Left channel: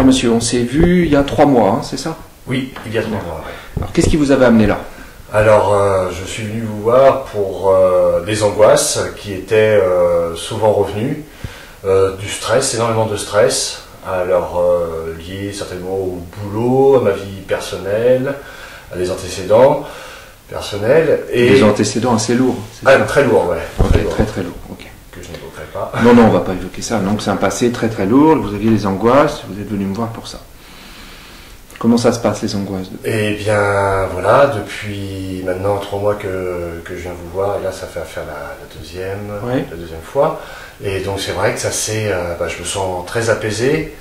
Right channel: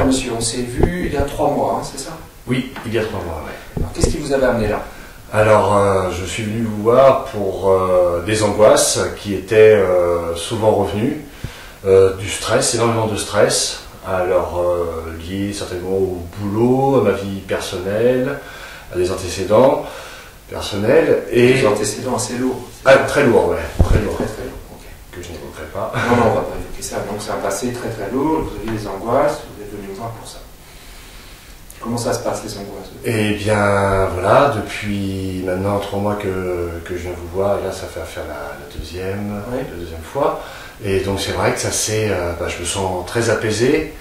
Alors monsieur, on s'est vu il y a 3 mois, hein, c'est ça? Oui, il y a 3 mois, ouais. Alors qu'est-ce qui vous avait amené là? Alors, je suis venu vous voir pour des angoisses qui étaient souvent revenues, du stress, énormément de stress, alors lié certainement au boulot, à ma vie personnelle, à des antécédents personnels. Et Des antécédents assez lourds. très lourd, ouais. Très lourd, ok. Que je n'évoquerai pas. Non, non, on va pas évoquer ça. Donc c'est un passé très très lourd, vous aviez des angoisses, vous êtes venu me voir pour ça. Comment ça se passe les angoisses? Eh bien voilà, depuis maintenant 3 mois que je viens vous voir, et là ça fait faire la deuxième fois. Et donc c'est vrai que ça c'est, je me sens très apaisé,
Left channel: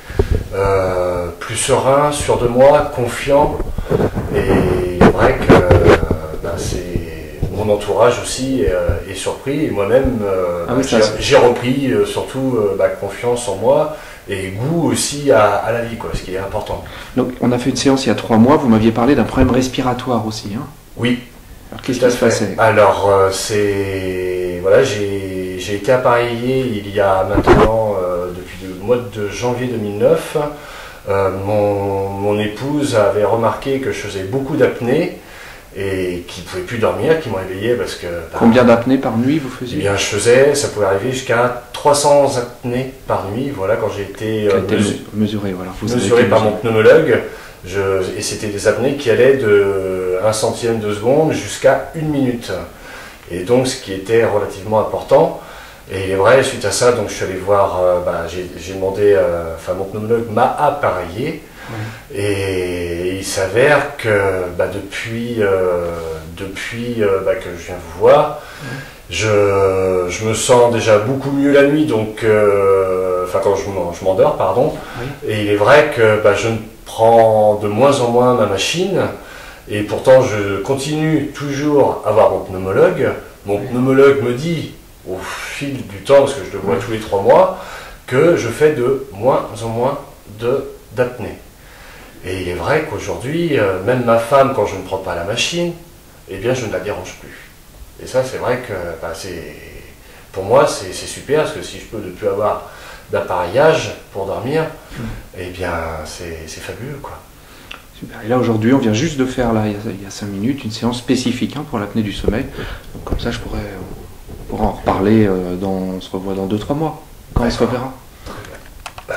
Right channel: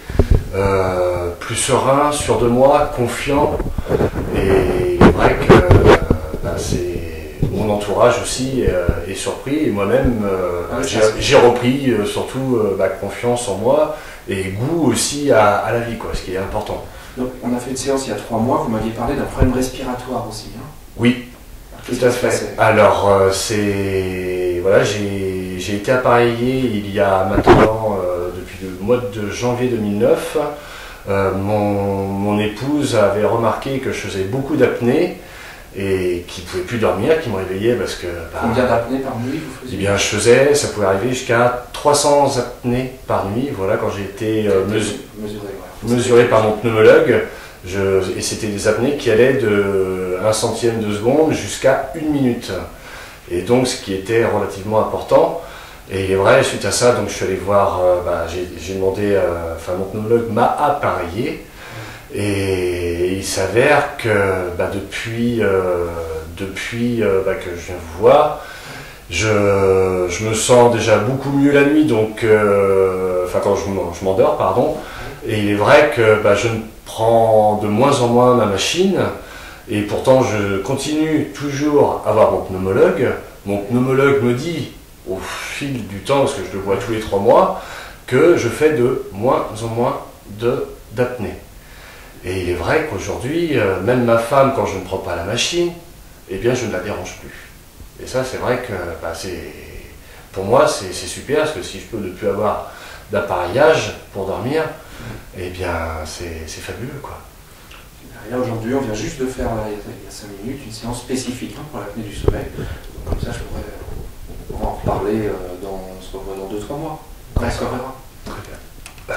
plus serein, sûr de moi, confiant. Et il est vrai que c'est mon entourage aussi est surpris, et moi-même j'ai repris surtout confiance en moi et goût aussi à la vie, quoi, ce qui est important. Donc on a fait une séance il y a 3 mois, vous m'aviez parlé d'un problème respiratoire aussi. Hein? Oui, qu'est-ce qui se passait? Alors voilà, j'ai été appareillé il y a maintenant, depuis le mois de janvier 2009. Mon épouse avait remarqué que je faisais beaucoup d'apnée et qu'il ne pouvait plus dormir, qu'il me réveillait parce que... Combien d'apnées par nuit vous faisiez? Eh bien, ça pouvait arriver jusqu'à 300 apnées par nuit, voilà, quand j'ai été mesuré par mon pneumologue. Et c'était des apnées qui allaient de 1 centième de seconde jusqu'à 1 minute. Et donc, ce qui était relativement important. Et il est vrai, suite à ça, donc je suis allé voir, j'ai demandé, mon pneumologue m'a appareillé. Et il s'avère que depuis que je viens vous voir, je me sens déjà beaucoup mieux la nuit, donc quand je m'endors, pardon. Et il est vrai que je ne prends de moins en moins ma machine, et pourtant je continue toujours à voir mon pneumologue. Mon pneumologue me dit, au fil du temps, parce que je le vois tous les 3 mois, que je fais de moins en moins d'apnée. Et il est vrai qu'aujourd'hui, même ma femme, quand je ne prends pas la machine, eh bien je ne la dérange plus. Et ça, c'est vrai que pour moi, c'est super, parce que si je peux ne plus avoir d'appareillage pour dormir, eh bien c'est fabuleux, quoi. Super. Et là aujourd'hui, on vient juste de faire, là, il y a 5 minutes, une séance spécifique pour l'apnée du sommeil. Donc comme ça, on pourra en reparler, on se revoit dans 2-3 mois, quand on se reverra. Très bien.